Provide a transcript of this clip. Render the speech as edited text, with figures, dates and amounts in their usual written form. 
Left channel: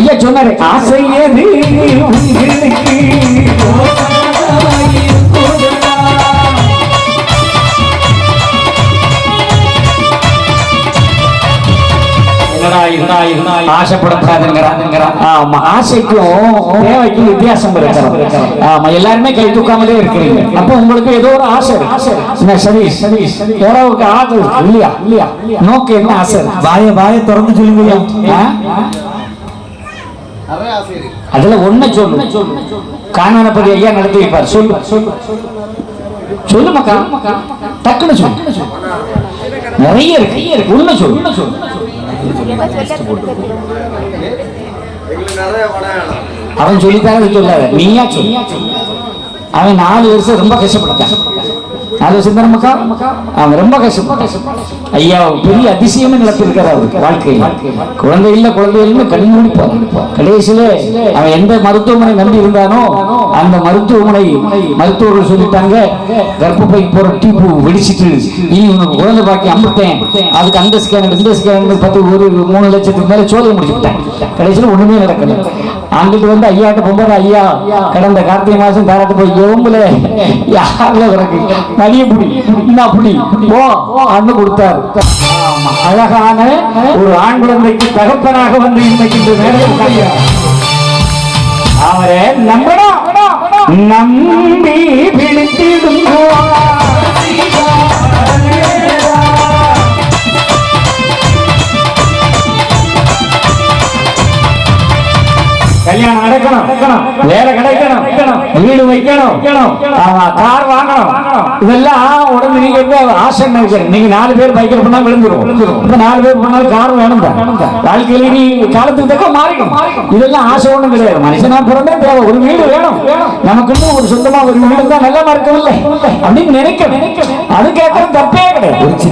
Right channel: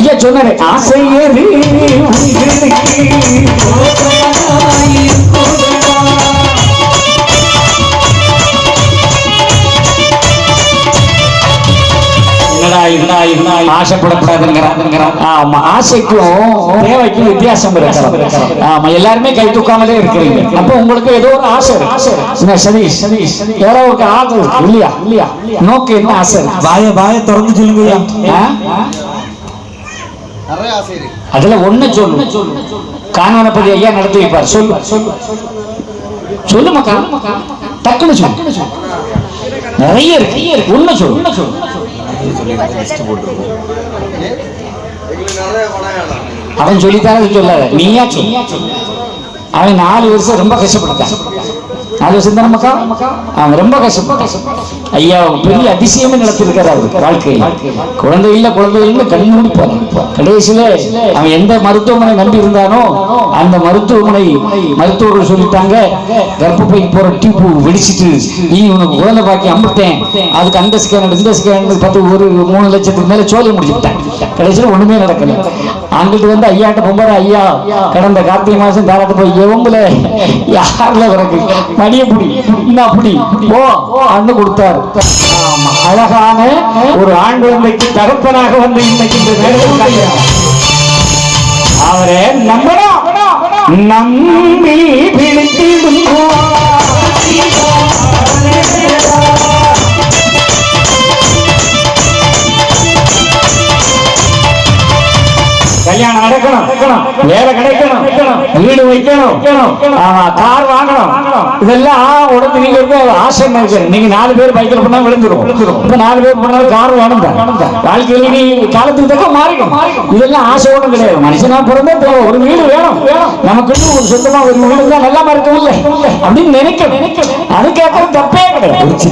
ஐயா சொன்னாரு ஆசை எது ஆசைக்கும் தேவைக்கும் வித்தியாசம் இருக்கு. ஆமா, எல்லாருமே கை தூக்காமலே இருக்கிறீங்க. அப்ப உங்களுக்கு ஏதோ ஒரு ஆசை சரி சரி எவ்வளவுக்கு ஆகுது இல்லையா இல்லையா நோக்கு என்ன ஆசை? வாய திறந்து சொல்லுங்க. அதுல ஒண்ணு சொல்லு. காணானபதி ஐயா நடத்தி வைப்பார். சொல்லு சொல்லு சொல்லு மக்கா, டக்குன்னு சொல்லு. நிறைய இருக்கு. உண்மை சொல்லு. அவன் சொல்லித்தான் சொல்லாத, நீயா சொல்லு. அவன் 4 வருஷம் ரொம்ப கஷ்டப்பட்டான். 4 வருஷம் தானே மக்கா? அவன் ரொம்ப கஷ்டப்பட்டான். ஐயா பெரிய அதிசயமே நடத்திருக்காரு அவருக்கு வாழ்க்கையில். குழந்தை இல்ல கண் முடிப்பார். கடைசியில அவன் எந்த மருத்துவமனை நம்பி இருந்தானோ அந்த மருத்துவமனை மருத்துவர்கள் சொல்லிட்டாங்க, கர்ப்பப்பை போற டியூப் வெடிச்சிட்டு நீ உனக்கு குழந்தை பாக்கி அம்பிட்டேன், அதுக்கு அந்த ஸ்கேன் இந்த ஸ்கேன் 3 லட்சத்துக்கு மேல சோலை முடிச்சுட்டேன். கடைசியில் ஒண்ணுமே நடக்கல. அங்கிட்டு வந்து ஐயாட்ட போகும்போது ஐயா கடந்த கார்த்திகை மாசம் தாராட்டு போய் எவங்கள யாருல பிறகு மடிய புடி அப்படி ஓ அண்ணு கொடுத்தாரு. அழகான ஒரு ஆண் குழந்தைக்கு தகப்பனாக வந்து இன்னைக்கு இந்த நேரத்தில் அவரை நம்பி பிடித்திடும் கல்யாணம் நடக்கணும், வேலை கிடைக்கணும், வீடு வைக்கணும், கார் வாங்கணும். இதெல்லாம் உடம்பு நீங்க ஆசை. நீங்க 4 பேர் பைக்கில் பண்ணா விழுந்துரும். இப்ப 4 பேர் பண்ணாலும் கார் வேணும். வாழ்க்கையில நீ காலத்துக்கு தக்க மாறிடும். இதெல்லாம் ஆசை ஒண்ணும் கிடையாது. மனுஷனா பிறந்தா தேவை ஒரு வீடு வேணும். நமக்கு ஒரு சொந்தமா ஒரு வீடு தான் நல்லா நடக்கவில்லை அப்படின்னு நினைக்க அது கேட்கறது தப்பே கிடையாது.